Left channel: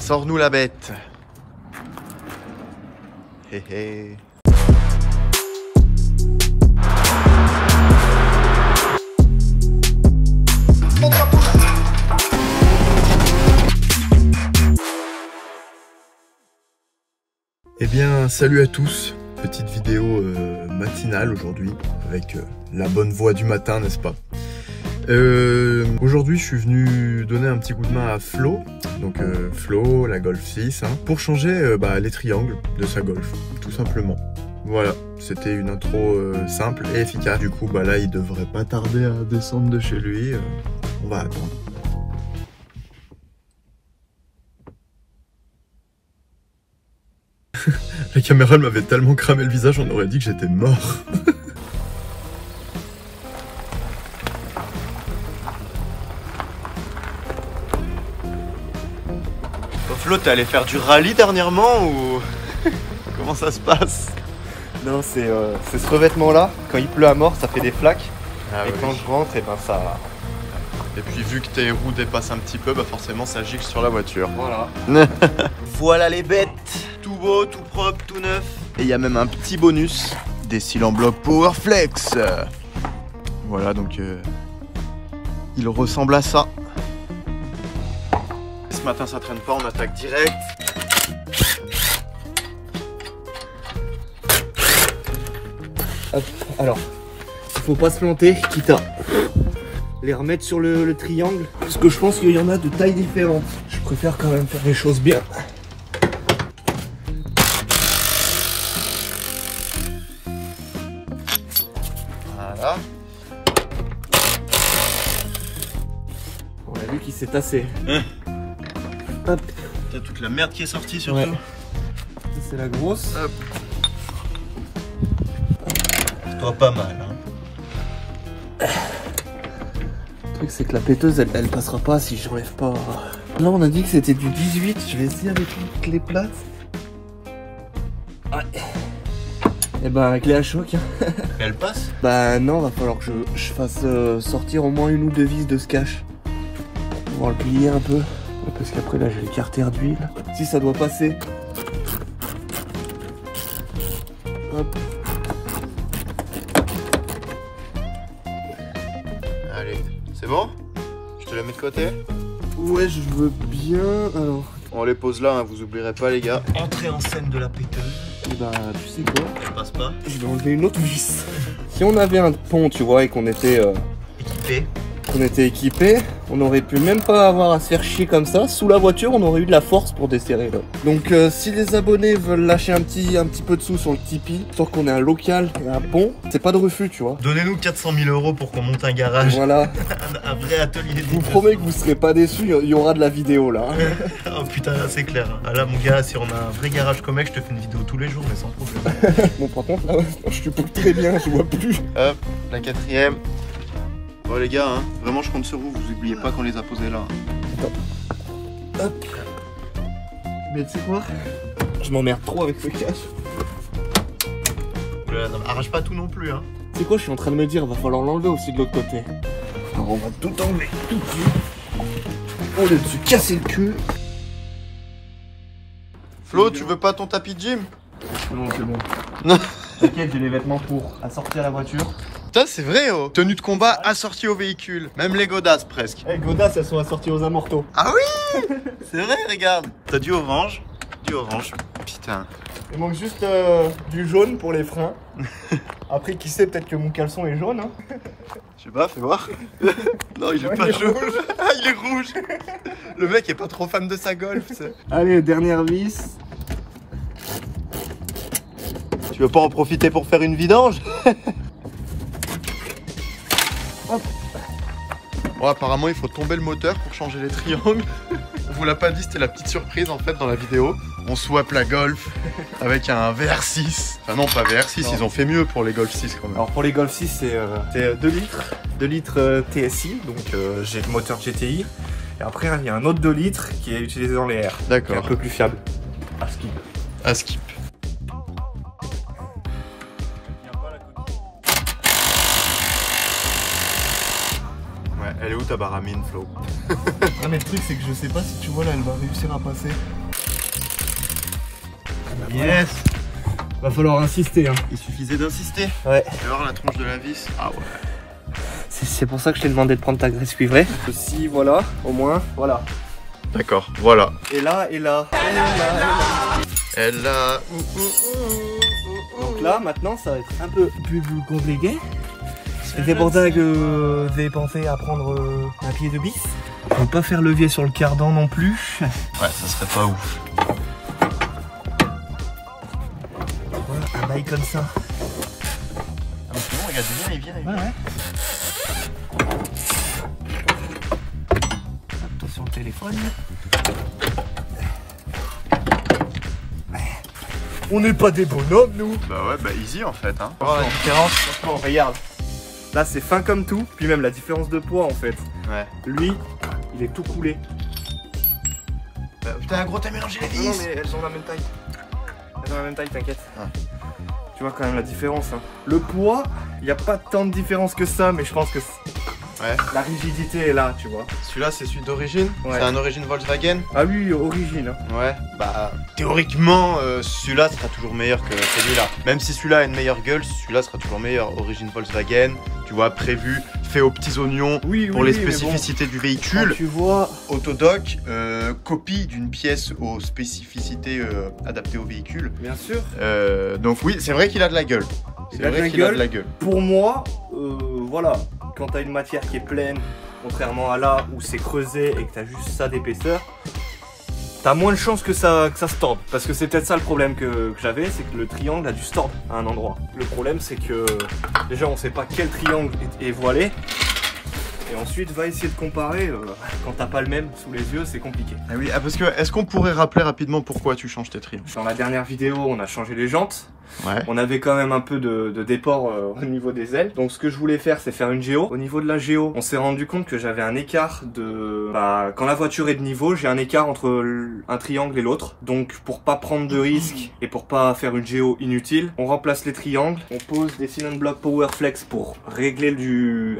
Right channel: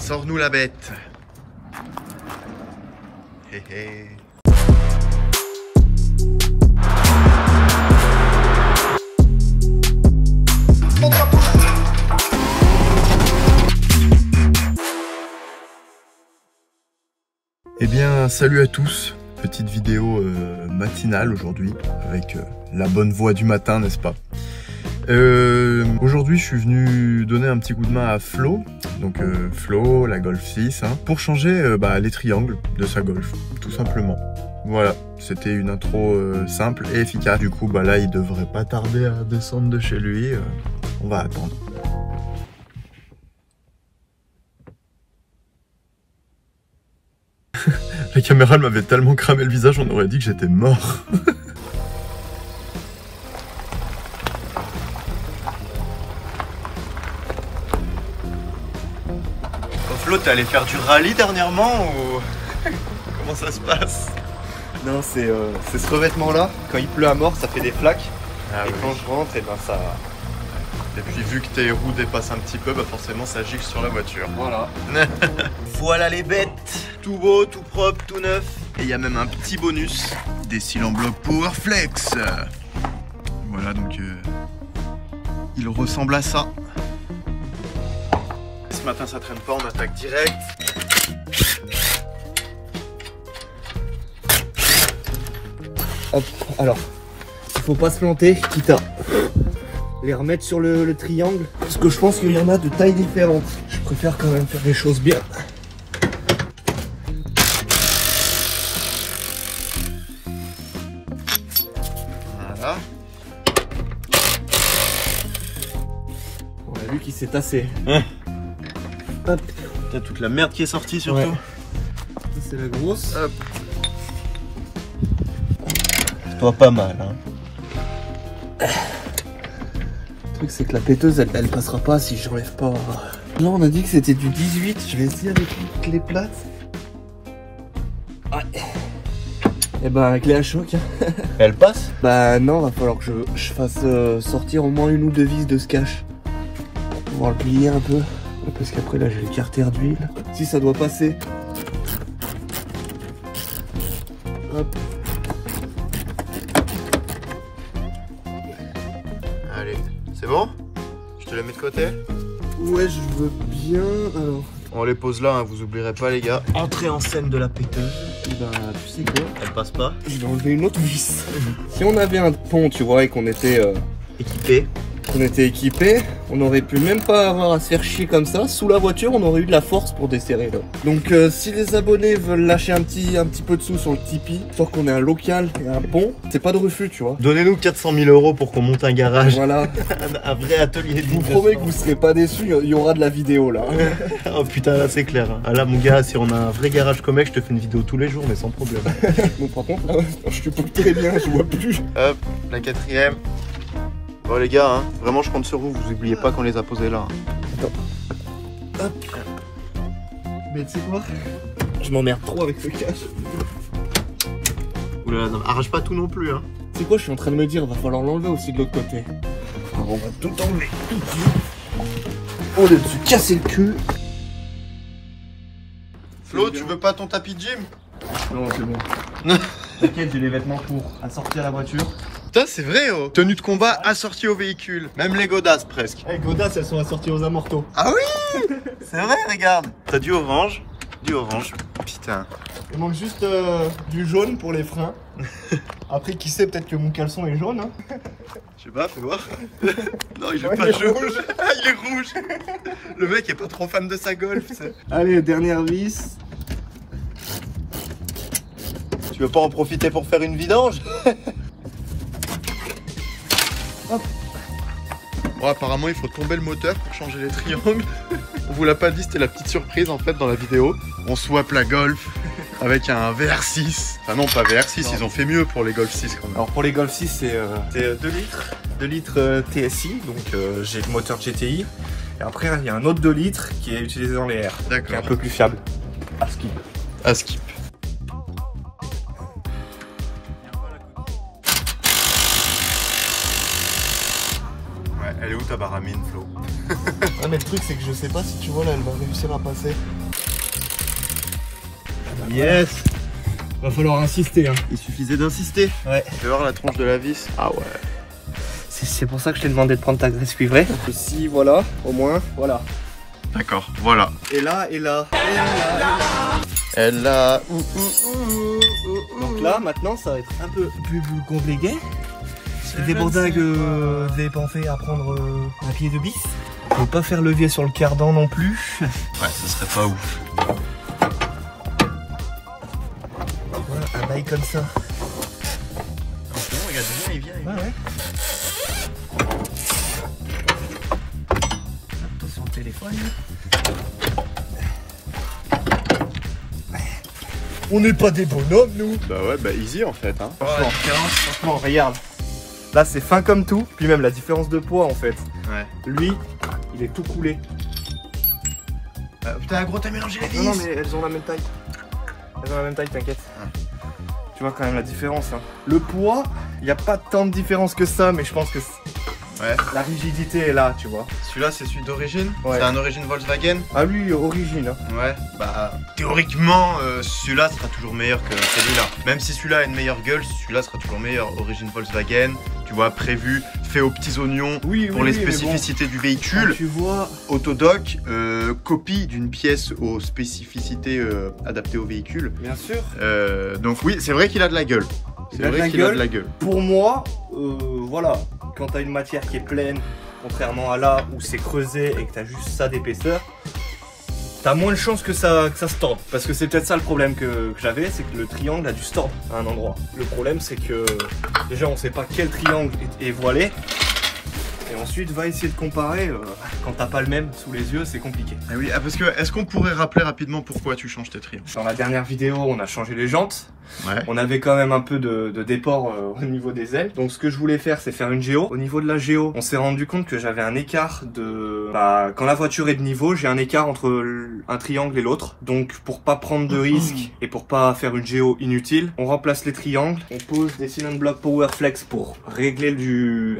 Sors-nous la bête. Hé hé. Eh bien, salut à tous. Petite vidéo matinale aujourd'hui avec la bonne voix du matin, n'est-ce pas? Aujourd'hui, je suis venu donner un petit coup de main à Flo, donc Flo, la Golf 6, hein, pour changer les triangles de sa Golf, tout simplement. Voilà, c'était une intro simple et efficace. Du coup, là, il devrait pas tarder à descendre de chez lui. On va attendre. La caméra elle m'avait tellement cramé le visage, on aurait dit que j'étais mort. Flo, t'es allé faire du rallye dernièrement ou comment ça se passe? Non, c'est ce revêtement là, quand il pleut à mort, ça fait des flaques. Ah et oui. quand je rentre, et ben ça. Et puis vu que tes roues dépassent un petit peu, forcément ça gicle sur la voiture. Voilà. Voilà les bêtes. Tout beau, tout propre, tout neuf. Et il y a même un petit bonus, des cils en bloc Powerflex. Voilà, donc il ressemble à ça. Ce matin ça traîne pas, on attaque direct. Hop, alors, il faut pas se planter, quitte à les remettre sur le triangle, parce que je pense qu'il y en a de tailles différentes. Je préfère quand même faire les choses bien. Voilà. On a vu qu'il s'est tassé. Hop. T'as toute la merde qui est sortie surtout. Ouais. C'est la grosse. Hop. Toi pas mal, hein. Le truc c'est que la péteuse elle passera pas si j'enlève pas. Là on a dit que c'était du 18, je vais essayer avec une clé plate. Ouais. Et bah clé à choc. Hein. Elle passe? Bah non, va falloir que je fasse sortir au moins une ou deux vis de ce cache. On va le plier un peu. Parce qu'après là j'ai les carters d'huile. Si ça doit passer. Hop. Allez, c'est bon? Je te la mets de côté? Ouais, je veux bien. Alors. On les pose là, hein, vous oublierez pas les gars. Entrée en scène de la péteuse. Et bah tu sais quoi? Elle passe pas. Je vais enlever une autre vis. Si on avait un pont, tu vois, et qu'on était équipé, on aurait pu même pas avoir à se faire chier comme ça. Sous la voiture, on aurait eu de la force pour desserrer là. Donc si les abonnés veulent lâcher un petit peu de sous sur le Tipeee, histoire qu'on ait un local et un pont, c'est pas de refus, tu vois. Donnez-nous 400 000 € pour qu'on monte un garage. Voilà. Un vrai atelier. Je vous promets que vous serez pas déçus, il y aura de la vidéo là. Oh putain, c'est clair. Ah là mon gars, si on a un vrai garage Comex, je te fais une vidéo tous les jours, mais sans problème. Bon par contre là, je suis pas très bien, je vois plus. Hop, la quatrième. Bon les gars, hein, vraiment je compte sur vous, vous oubliez pas qu'on les a posés là. Attends. Hop. Mais tu sais quoi? Je m'emmerde trop avec ce cache. Oula, non, arrache pas tout non plus, hein. Tu sais quoi, je suis en train de me dire, va falloir l'enlever aussi de l'autre côté. Alors on va tout enlever, tout dessus. Au lieu de se casser le cul. Flo, tu veux pas ton tapis de gym? Non, c'est bon. T'inquiète, j'ai les vêtements pour assortir la voiture. Putain, c'est vrai, oh. Tenue de combat assortie au véhicule. Même les godasses presque. Eh, godasses, elles sont assorties aux amortos. Ah oui. C'est vrai, regarde. T'as du orange. Du orange. Putain. Il manque juste du jaune pour les freins. Après, qui sait, peut-être que mon caleçon est jaune. Hein. Je sais pas, fais voir. Non, il est Ouais, pas il est jaune. rouge. Il est rouge. Le mec est pas trop fan de sa Golf. Allez, dernière vis. Tu veux pas en profiter pour faire une vidange? Hop. Bon, apparemment, il faut tomber le moteur pour changer les triangles. On vous l'a pas dit, c'était la petite surprise en fait dans la vidéo. On swap la Golf avec un VR6. Enfin non, pas VR6, non. Ils ont fait mieux pour les Golf 6 quand même. Alors pour les Golf 6, c'est 2 litres. 2 litres TSI, donc j'ai le moteur GTI. Et après, il y a un autre 2 litres qui est utilisé dans les airs. Qui est un D'accord. peu plus fiable. À skip. À skip. Ouais, Elle est où ta baramine, Flo? Ah mais le truc c'est que je sais pas si tu vois là, elle va réussir à passer. Yes. Va falloir insister hein. Il suffisait d'insister. Ouais. Tu vas voir la tronche de la vis. Ah ouais. C'est pour ça que je t'ai demandé de prendre ta graisse cuivrée. Ici voilà, au moins, voilà. D'accord, voilà. Et là, et là, et là, et là. Elle a... Donc là, maintenant, ça va être un peu plus compliqué. C'est pour ça que j'ai pensé à prendre un pied de bis. Je vais pas faire levier sur le cardan non plus. Ouais, ça serait pas ouf. Voilà, un bail comme ça. Attention, regarde, il vient. Ouais. Attention au téléphone. On n'est pas des bonhommes, nous. Bah ouais, bah easy en fait. Hein. Franchement, regarde. Là, c'est fin comme tout. Puis même la différence de poids, en fait. Ouais. Lui, il est tout coulé. Putain, gros, t'as mélangé les Non, vis. mais elles ont la même taille. Elles ont la même taille, t'inquiète. Ah. Tu vois quand même la différence. Hein. Le poids, il n'y a pas tant de différence que ça, mais je pense que Ouais. la rigidité est là, tu vois. Celui-là, c'est celui d'origine. Ouais. C'est un origine Volkswagen. Ah oui, origine. Hein. Ouais. Bah, théoriquement, celui-là sera toujours meilleur que celui-là. Même si celui-là a une meilleure gueule, celui-là sera toujours meilleur. Origine Volkswagen, tu vois, prévu, fait aux petits oignons Oui, pour les spécificités du véhicule. Tu vois. Autodoc, copie d'une pièce aux spécificités adaptées au véhicule. Bien sûr. Donc oui, c'est vrai qu'il a de la gueule. C'est vrai qu'il a de la gueule. Pour moi, voilà, quand t'as une matière qui est pleine, contrairement à là où c'est creusé et que t'as juste ça d'épaisseur, t'as moins de chances que ça se torde. Parce que c'est peut-être ça le problème que j'avais, c'est que le triangle a dû se tordre à un endroit. Le problème c'est que déjà on sait pas quel triangle est voilé. Et ensuite, va essayer de comparer. Quand t'as pas le même sous les yeux, c'est compliqué. Ah oui, parce que est-ce qu'on pourrait rappeler rapidement pourquoi tu changes tes triangles? Dans la dernière vidéo, on a changé les jantes. Ouais. On avait quand même un peu de déport au niveau des ailes. Donc ce que je voulais faire, c'est faire une géo. Au niveau de la géo, on s'est rendu compte que j'avais un écart de... Bah, quand la voiture est de niveau, j'ai un écart entre un triangle et l'autre. Donc pour pas prendre de risques et pour pas faire une géo inutile, on remplace les triangles. On pose des cylinder block Powerflex pour régler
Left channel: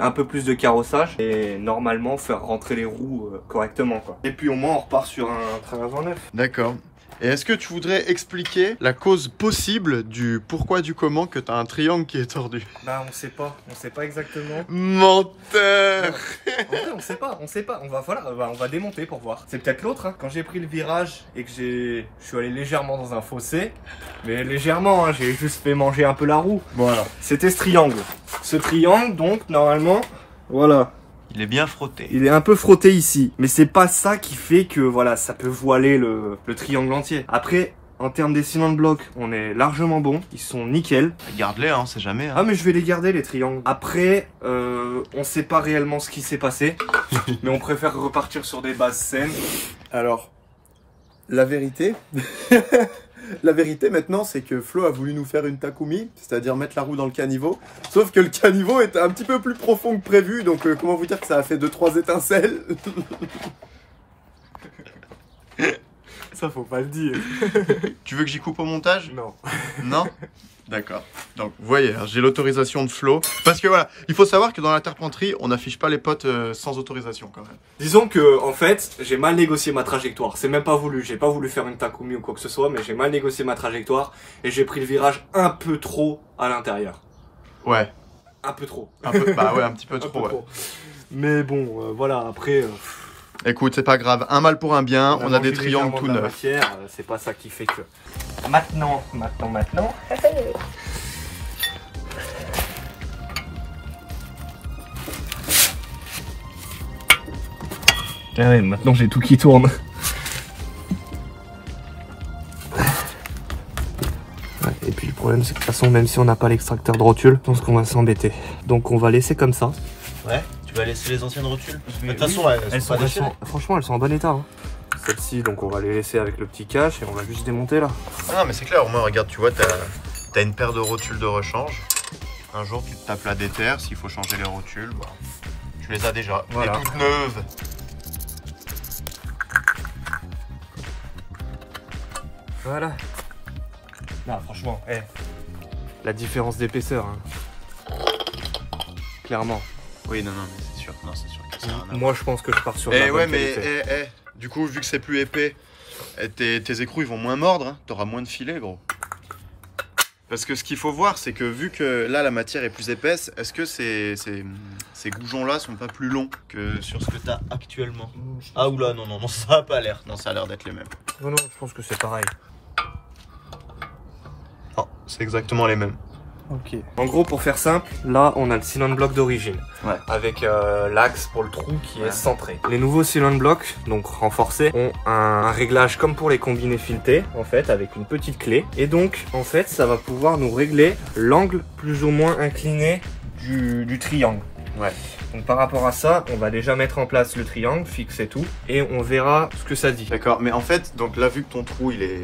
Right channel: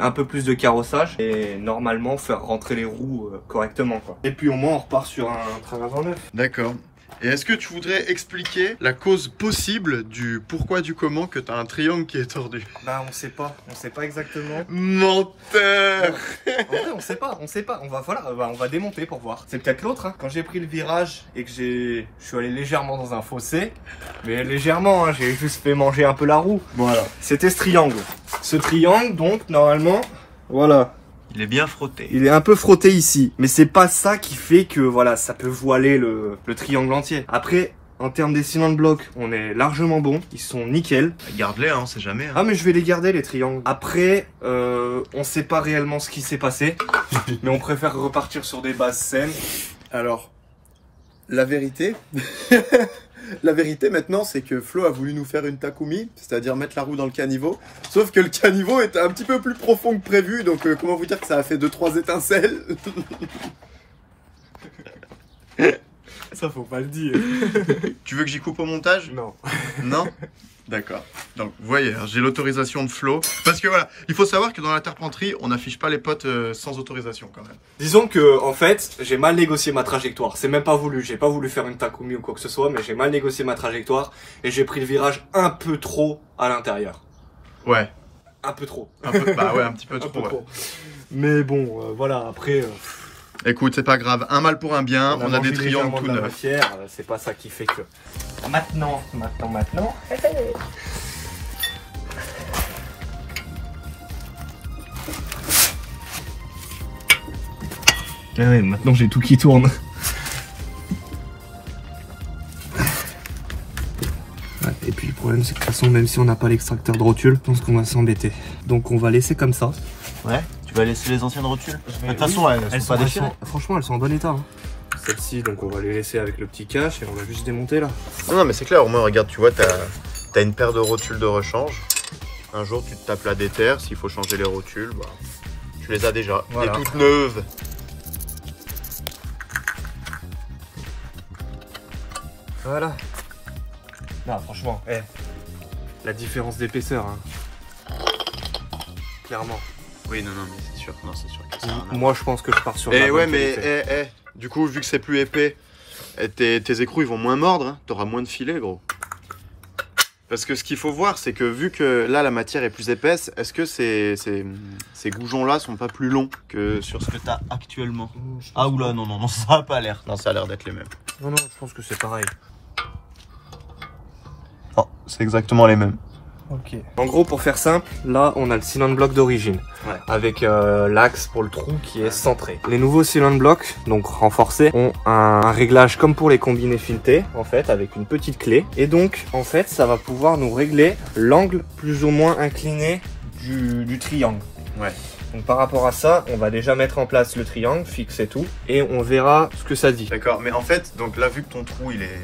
un peu plus de carrossage. Et normalement faire rentrer les roues correctement, quoi. Et puis au moins on repart sur un train avant neuf. D'accord. Et est-ce que tu voudrais expliquer la cause possible du pourquoi du comment que tu as un triangle qui est tordu? Bah on sait pas exactement. Menteur. En vrai on sait pas, on va démonter pour voir. C'est peut-être l'autre, hein. Quand j'ai pris le virage et que je suis allé légèrement dans un fossé, mais légèrement, hein, j'ai juste fait manger un peu la roue. Voilà. C'était ce triangle. Ce triangle donc normalement, voilà. Il est bien frotté. Il est un peu frotté ici, mais c'est pas ça qui fait que voilà, ça peut voiler le triangle entier. Après, en termes des cylindres blocs, on est largement bon, ils sont nickel. Garde-les, hein, c'est jamais. Hein. Ah mais je vais les garder les triangles. Après, on sait pas réellement ce qui s'est passé, mais on préfère repartir sur des bases saines. Alors, la vérité, la vérité maintenant, c'est que Flo a voulu nous faire une Takumi, c'est-à-dire mettre la roue dans le caniveau. Sauf que le caniveau est un petit peu plus profond que prévu, donc comment vous dire que ça a fait 2-3 étincelles. Ça faut pas le dire. Tu veux que j'y coupe au montage? Non. Non? D'accord. Donc, vous voyez, j'ai l'autorisation de Flo. Parce que voilà, il faut savoir que dans la terpenterie, on n'affiche pas les potes sans autorisation quand même. Disons que, en fait, j'ai mal négocié ma trajectoire. C'est même pas voulu. J'ai pas voulu faire une Takumi ou quoi que ce soit, mais j'ai mal négocié ma trajectoire et j'ai pris le virage un peu trop à l'intérieur. Ouais. Un peu trop. Un peu, bah ouais, un petit peu trop. peu Ouais. trop. Mais bon, voilà, après... Écoute, c'est pas grave. Un mal pour un bien. On a des triangles tout neufs. C'est pas ça qui fait que... Maintenant. Ouais, maintenant j'ai tout qui tourne. Ouais, et puis le problème c'est que de toute façon même si on n'a pas l'extracteur de rotule, je pense qu'on va s'embêter. Donc on va laisser comme ça. Ouais, tu vas laisser les anciennes rotules. De toute façon, franchement elles sont en bon état. Hein. Celle-ci donc on va les laisser avec le petit cache et on va juste démonter là. Non mais c'est clair, au moins regarde, tu vois, t'as une paire de rotules de rechange. Un jour tu te tapes la déterre, s'il faut changer les rotules, bah, tu les as déjà. Voilà. Et toutes neuves. Voilà. Non, franchement, la différence d'épaisseur, hein. Clairement. Oui, non, mais c'est sûr. Non, c'est sûr que Moi, je pense que je pars sur la Et bonne ouais, mais qualité. du coup, vu que c'est plus épais, tes écrous ils vont moins mordre, hein. T'auras moins de filets, gros. Parce que ce qu'il faut voir, c'est que vu que là la matière est plus épaisse, est-ce que ces goujons-là sont pas plus longs que sur ce que t'as actuellement? Ah oula, non, ça a pas l'air. Non, ça a l'air d'être les mêmes. Non, je pense que c'est pareil. Non, c'est exactement les mêmes. Ok. En gros, pour faire simple, là, on a le cylinder block d'origine. Ouais. Avec l'axe pour le trou qui est centré. Les nouveaux cylinder blocks, donc renforcés, ont un réglage comme pour les combinés filetés, en fait, avec une petite clé. Et donc, en fait, ça va pouvoir nous régler l'angle plus ou moins incliné du triangle. Ouais. Donc par rapport à ça, on va déjà mettre en place le triangle, fixer tout, et on verra ce que ça dit. D'accord, mais en fait, donc là, vu que ton trou il est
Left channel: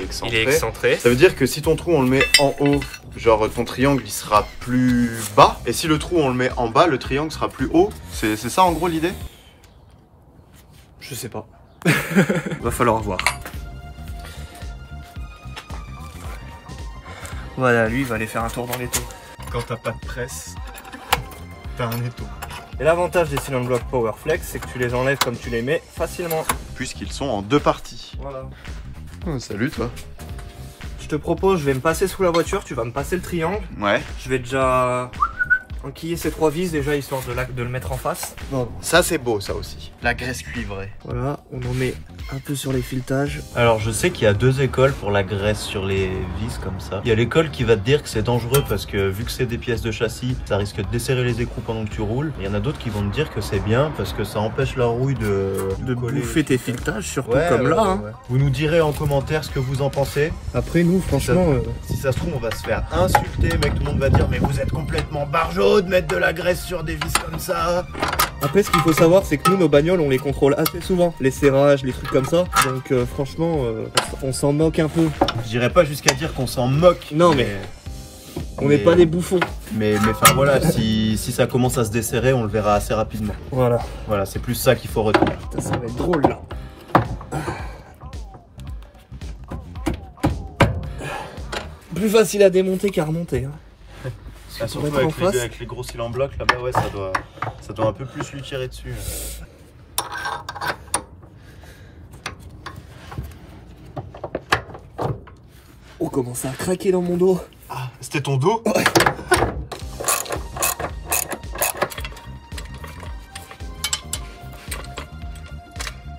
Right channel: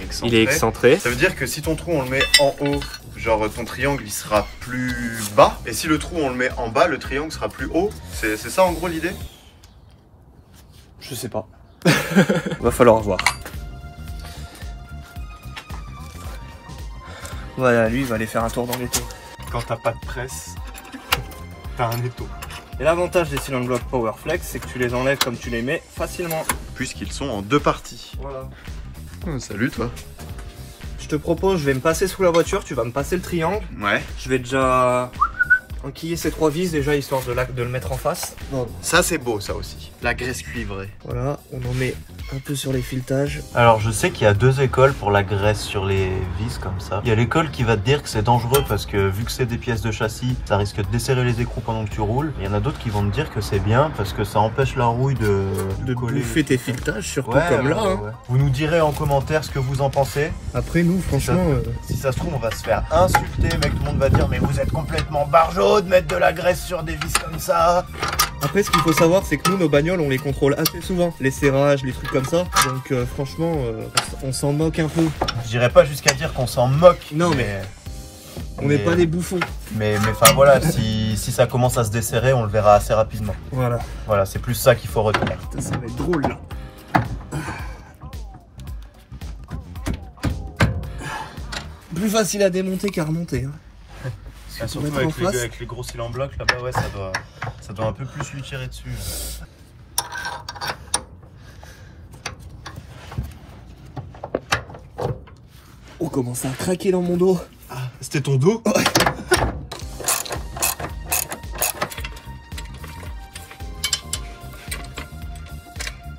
excentré, Il est excentré. ça veut dire que si ton trou on le met en haut, genre ton triangle il sera plus bas, et si le trou on le met en bas, le triangle sera plus haut. C'est ça en gros l'idée? Je sais pas. Va falloir voir. Voilà, lui il va aller faire un tour dans les tours. Quand t'as pas de presse, t'as un étau. Et l'avantage des cylinder block Powerflex, c'est que tu les enlèves comme tu les mets facilement. Puisqu'ils sont en deux parties. Voilà. Salut toi. Je te propose, je vais me passer sous la voiture, tu vas me passer le triangle. Ouais. Je vais déjà enquiller ces 3 vis déjà, histoire de le mettre en face. Bon. Ça c'est beau ça aussi. La graisse cuivrée. Voilà, on en met un peu sur les filetages. Alors je sais qu'il y a 2 écoles pour la graisse sur les vis comme ça. Il y a l'école qui va te dire que c'est dangereux parce que vu que c'est des pièces de châssis, ça risque de desserrer les écrous pendant que tu roules. Il y en a d'autres qui vont te dire que c'est bien parce que ça empêche la rouille de coller. Bouffer tes filetages, surtout Ouais, comme ouais, là. ouais, Hein. ouais. Vous nous direz en commentaire ce que vous en pensez. Après nous, franchement... Si ça se trouve, on va se faire insulter, mec. Tout le monde va dire mais vous êtes complètement barjot de mettre de la graisse sur des vis comme ça. Après, ce qu'il faut savoir, c'est que nous, nos bagnoles, on les contrôle assez souvent. Les serrages, les trucs comme ça. Donc franchement, on s'en moque un peu. Je dirais pas jusqu'à dire qu'on s'en moque. Non, mais on n'est pas des bouffons. Mais enfin voilà, si ça commence à se desserrer, on le verra assez rapidement. Voilà. Voilà, c'est plus ça qu'il faut retenir. Putain, ça va être drôle là. Plus facile à démonter qu'à remonter. Hein. Ah, surtout avec les gros cylindres blocs là-bas, ouais, ça doit un peu plus lui tirer dessus. On commence à craquer dans mon dos. Ah, c'était ton dos?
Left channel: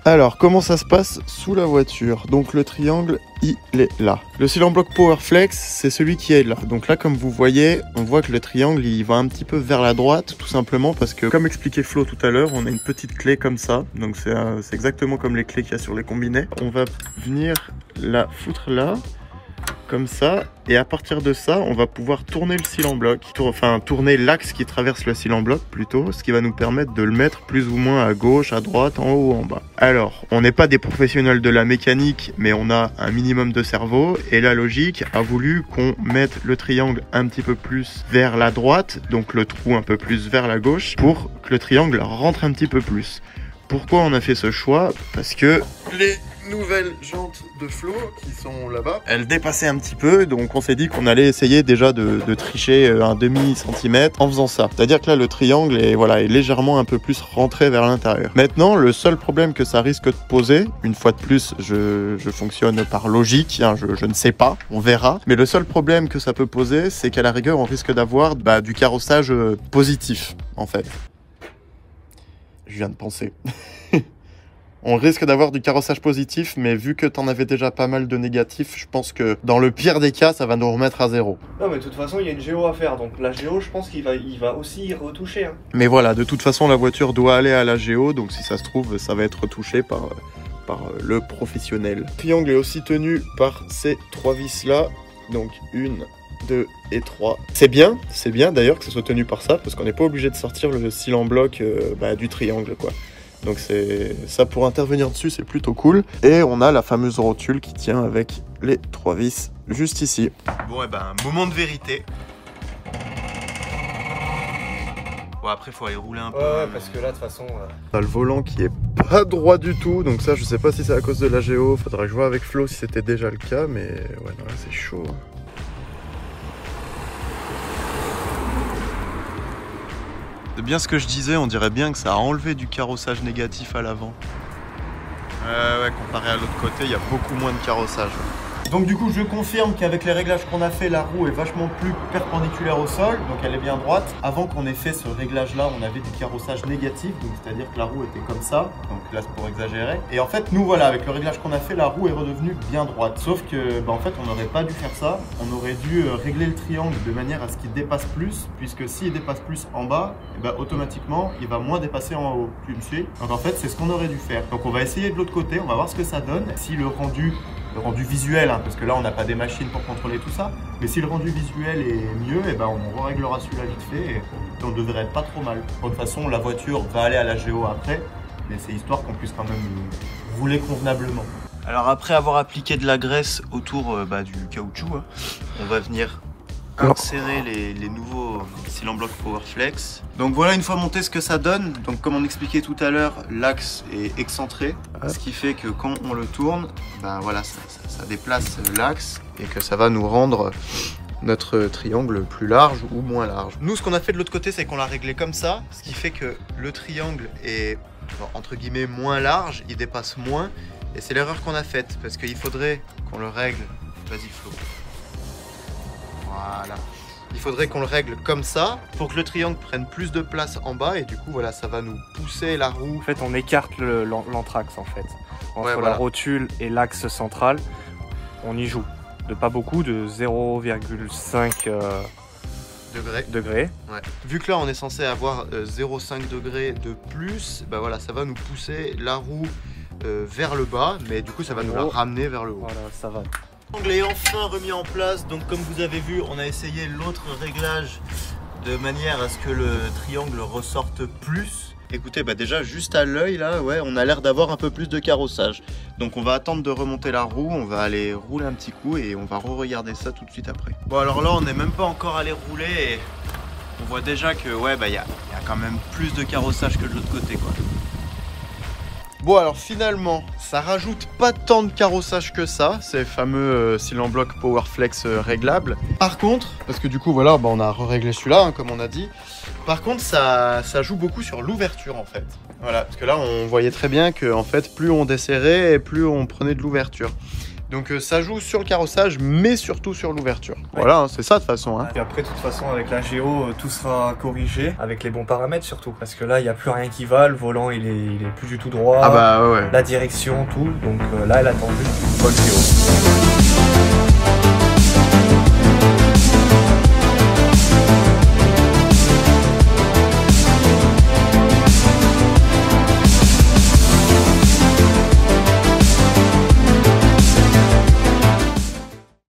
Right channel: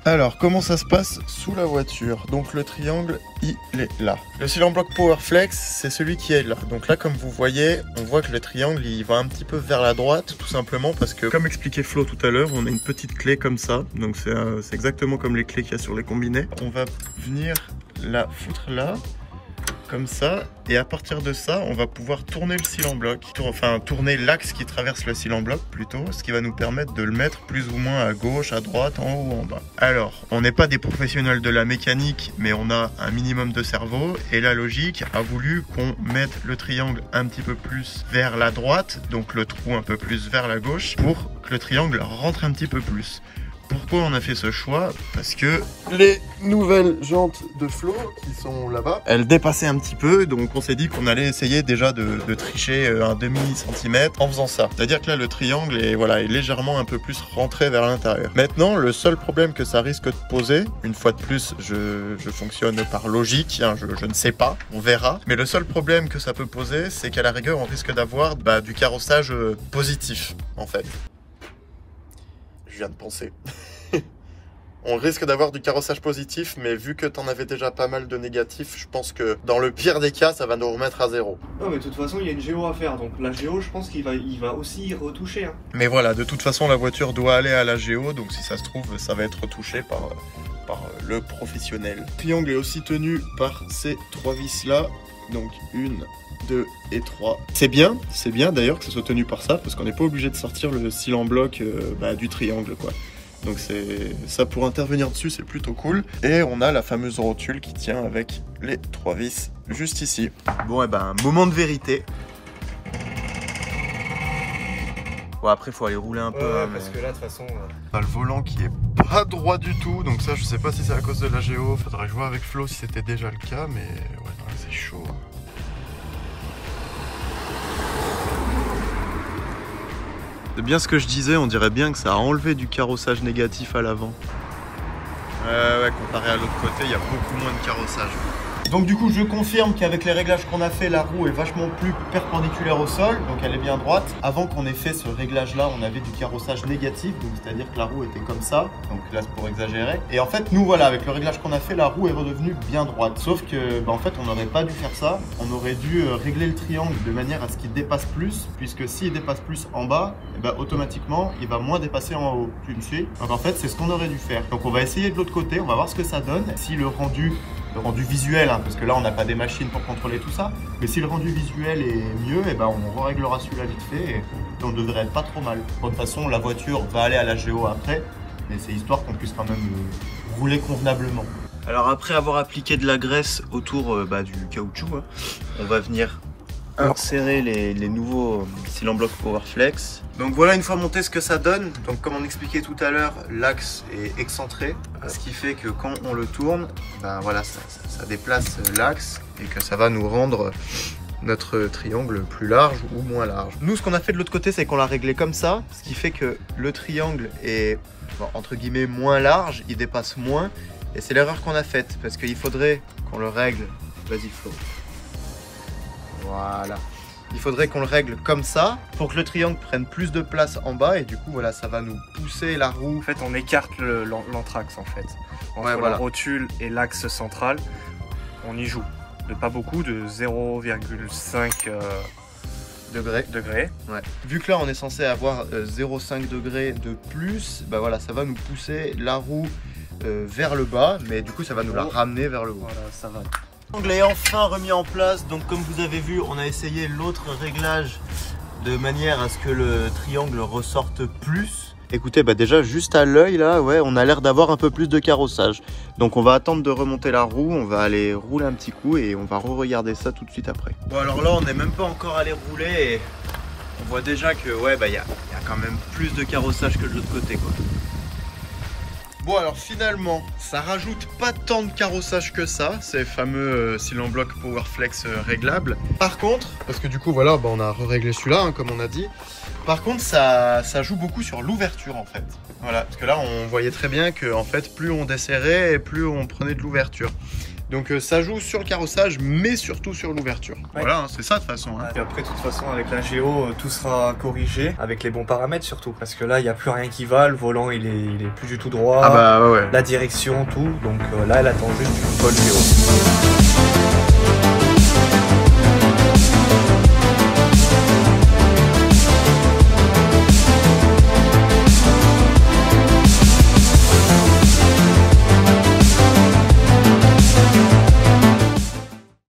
Alors, comment ça se passe sous la voiture? Donc le triangle, il est là. Le cylinder block Powerflex, c'est celui qui est là. Donc là, comme vous voyez, on voit que le triangle, il va un petit peu vers la droite, tout simplement parce que, comme expliquait Flo tout à l'heure, on a une petite clé comme ça. Donc c'est exactement comme les clés qu'il y a sur les combinés. On va venir la foutre là, comme ça, et à partir de ça, on va pouvoir tourner le cylinder block, enfin tourner l'axe qui traverse le cylinder block plutôt, ce qui va nous permettre de le mettre plus ou moins à gauche, à droite, en haut ou en bas. Alors, on n'est pas des professionnels de la mécanique, mais on a un minimum de cerveau, et la logique a voulu qu'on mette le triangle un petit peu plus vers la droite, donc le trou un peu plus vers la gauche, pour que le triangle rentre un petit peu plus. Pourquoi on a fait ce choix? Parce que les nouvelles jantes de Flo qui sont là-bas, elles dépassaient un petit peu, donc on s'est dit qu'on allait essayer déjà de tricher un demi-centimètre en faisant ça. C'est-à-dire que là le triangle est, voilà, est légèrement un peu plus rentré vers l'intérieur. Maintenant, le seul problème que ça risque de poser, une fois de plus, je fonctionne par logique, hein, je ne sais pas, on verra. Mais le seul problème que ça peut poser, c'est qu'à la rigueur, on risque d'avoir du carrossage positif, en fait. Je viens de penser. On risque d'avoir du carrossage positif, mais vu que t'en avais déjà pas mal de négatifs, je pense que dans le pire des cas, ça va nous remettre à zéro. Non, mais de toute façon, il y a une géo à faire, donc la géo, je pense qu'il va aussi y retoucher. Hein. Mais voilà, de toute façon, la voiture doit aller à la géo, donc si ça se trouve, ça va être retouché par le professionnel. Le triangle est aussi tenu par ces 3 vis là, donc 1, 2 et 3. C'est bien d'ailleurs que ce soit tenu par ça, parce qu'on n'est pas obligé de sortir le cylinder block du triangle, quoi. Donc c'est ça, pour intervenir dessus, c'est plutôt cool. Et on a la fameuse rotule qui tient avec les 3 vis juste ici. Bon, et ben, moment de vérité. Bon, après, faut aller rouler un peu. Ouais, parce que là, de toute façon... On a le volant qui est pas droit du tout, donc ça, je sais pas si c'est à cause de la géo. Faudrait que je vois avec Flo si c'était déjà le cas, mais ouais, non, là, c'est chaud. C'est bien ce que je disais, on dirait bien que ça a enlevé du carrossage négatif à l'avant. Ouais, comparé à l'autre côté, il y a beaucoup moins de carrossage. Donc du coup je confirme qu'avec les réglages qu'on a fait, la roue est vachement plus perpendiculaire au sol, donc elle est bien droite. Avant qu'on ait fait ce réglage là, on avait du carrossage négatif, donc c'est-à-dire que la roue était comme ça, donc là c'est pour exagérer. Et en fait nous voilà, avec le réglage qu'on a fait, la roue est redevenue bien droite. Sauf que en fait on n'aurait pas dû faire ça, on aurait dû régler le triangle de manière à ce qu'il dépasse plus, puisque s'il dépasse plus en bas, et automatiquement il va moins dépasser en haut. Tu me suis? Donc en fait c'est ce qu'on aurait dû faire. Donc on va essayer de l'autre côté, on va voir ce que ça donne. Si le rendu visuel, hein, parce que là on n'a pas des machines pour contrôler tout ça, mais si le rendu visuel est mieux, on réglera celui-là vite fait et on devrait être pas trop mal. De toute façon la voiture va aller à la géo après, mais c'est histoire qu'on puisse quand même rouler convenablement. Alors après avoir appliqué de la graisse autour du caoutchouc, hein, on va venir insérer les nouveaux cylindres blocs PowerFlex. Donc voilà une fois monté ce que ça donne. Donc comme on expliquait tout à l'heure, l'axe est excentré, ce qui fait que quand on le tourne, voilà, ça déplace l'axe et que ça va nous rendre notre triangle plus large ou moins large. Nous ce qu'on a fait de l'autre côté, c'est qu'on l'a réglé comme ça, ce qui fait que le triangle est entre guillemets moins large, il dépasse moins, et c'est l'erreur qu'on a faite parce qu'il faudrait qu'on le règle. Vas-y Flo. Voilà. Il faudrait qu'on le règle comme ça pour que le triangle prenne plus de place en bas et du coup voilà, ça va nous pousser la roue. En fait on écarte l'anthrax en fait. Entre voilà. La rotule et l'axe central, on y joue. De pas beaucoup, de 0,5 degrés. Ouais. Vu que là on est censé avoir 0,5 degrés de plus, voilà, ça va nous pousser la roue vers le bas, mais du coup ça va nous la ramener vers le haut. Voilà, ça va. L'angle est enfin remis en place, donc comme vous avez vu, on a essayé l'autre réglage de manière à ce que le triangle ressorte plus. Écoutez, déjà juste à l'œil là, ouais, on a l'air d'avoir un peu plus de carrossage. Donc on va attendre de remonter la roue, on va aller rouler un petit coup et on va re-regarder ça tout de suite après. Bon alors là on n'est même pas encore allé rouler et on voit déjà que il y a quand même plus de carrossage que de l'autre côté quoi. Bon alors finalement, ça rajoute pas tant de carrossage que ça, ces fameux cylindres blocs PowerFlex réglables. Par contre, parce que du coup voilà, on a réglé celui-là hein, comme on a dit. Par contre ça joue beaucoup sur l'ouverture en fait. Voilà, parce que là on voyait très bien que en fait plus on desserrait et plus on prenait de l'ouverture. Donc ça joue sur le carrossage mais surtout sur l'ouverture. Ouais. Voilà, hein, c'est ça de toute façon. Hein. Et après de toute façon avec la géo tout sera corrigé avec les bons paramètres surtout. Parce que là il n'y a plus rien qui va, le volant il est plus du tout droit. Ah ouais. La direction, tout. Donc là elle attend juste une bonne géo.